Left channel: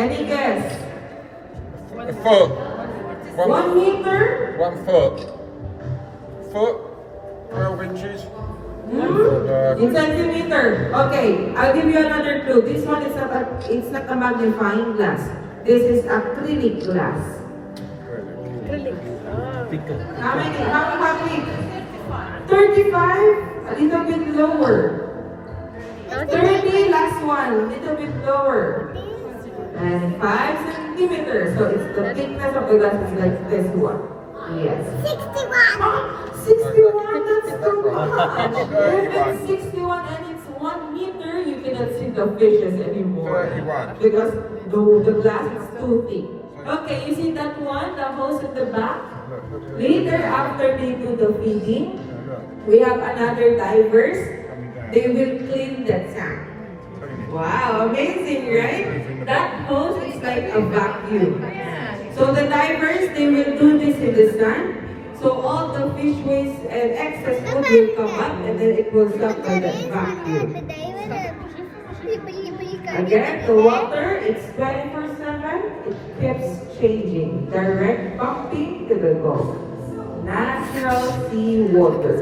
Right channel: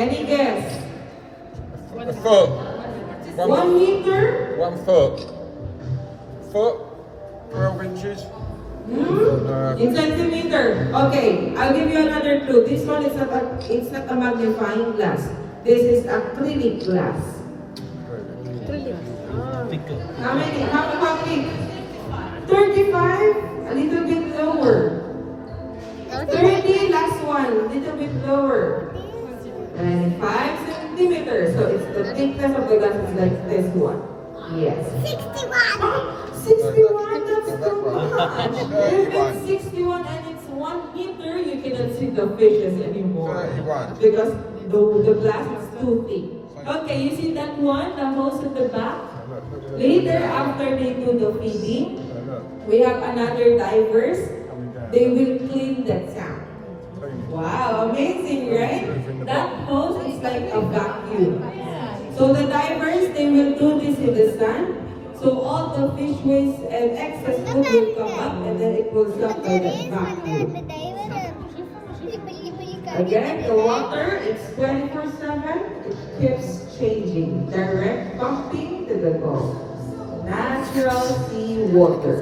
Any guess? A foot. 1 meter? 1 foot. Foot. 12 inches. In centimeter. Okay, I'll give you another clue. This one is it's not a magnifying glass. This is acrylic glass. How many? How many? 35? A little bit lower. 30, last one, little bit lower. And 5 centimeters. So it's the thickness of the glass is like this one. Yes. 61, that's the one. If it's 61 and it's 1 meter, you cannot see the fishes anymore. 31. Because the glass is too thick. Okay, you see that one, the hose at the back? Later, after they do the feeding, we have another divers. They will clean that tank. Wow, amazing, right? That hose is like a vacuum. So the divers, they will do this in the sun. So all the fish waste and excess food will come up and then it will suck by that vacuum. Again, the water, it's 24/7. It keeps changing. Direct pumping to the Gulf. Natural sea water.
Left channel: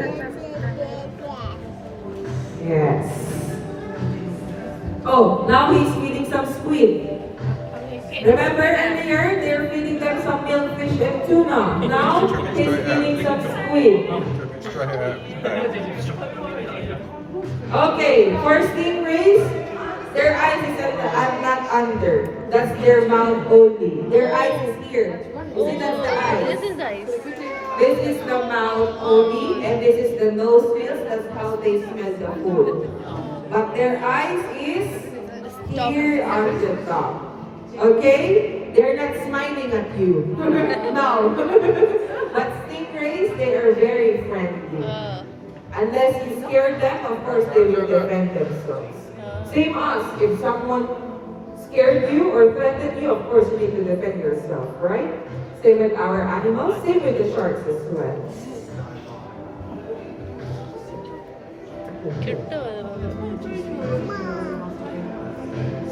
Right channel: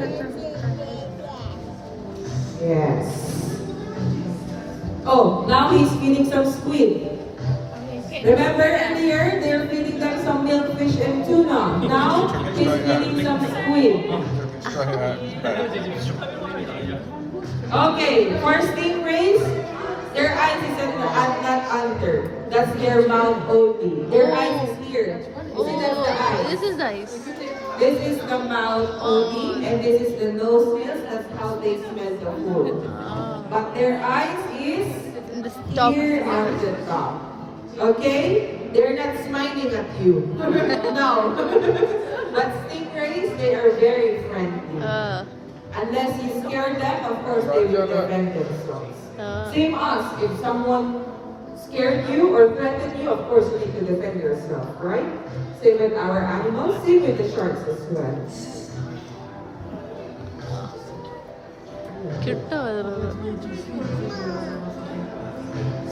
Yes. Oh, now he's feeding some squid. Remember earlier, they're feeding them some milkfish and tuna. Now, he's feeding some squid. Okay, for stingrays, their eyes is not under. That's their mouth only. Their eyes is here. See, that's the eyes. This is nice. This is the mouth only, and this is the nose feels. That's how they smell the food. But their eyes is here on the top. Okay? They're not smiling at you. No. But stingrays, they are very friendly. Unless you scare them, of course they will defend themselves. Same us. If someone scared you or threatened you, of course you need to defend yourself, right? Same with our animals, same with the sharks as well.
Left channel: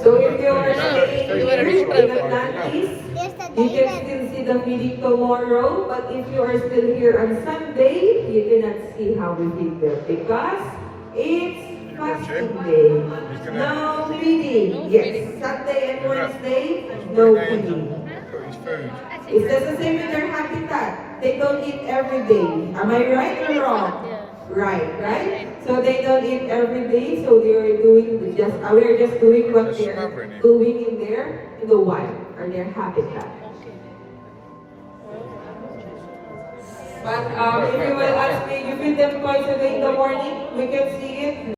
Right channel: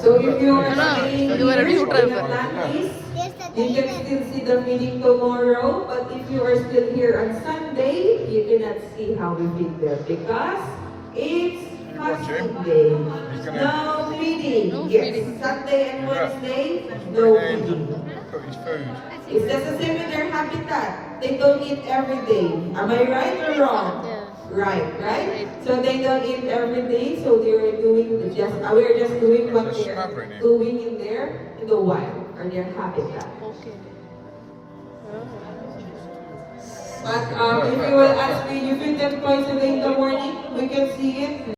So if you are staying here in Atlantis, you can still see the feeding tomorrow, but if you are still here on Sunday, you cannot see how we feed them because it's fasting day. No feeding. Yes, Sunday and Wednesday, no feeding. It's just the same with their habitat. They don't eat every day. Am I right or wrong? Right, right? So they don't eat every day, so they're doing we're just doing what they're doing in the wild, or their habitat. But if you will ask me, you feed them twice a day in the morning, we can see it.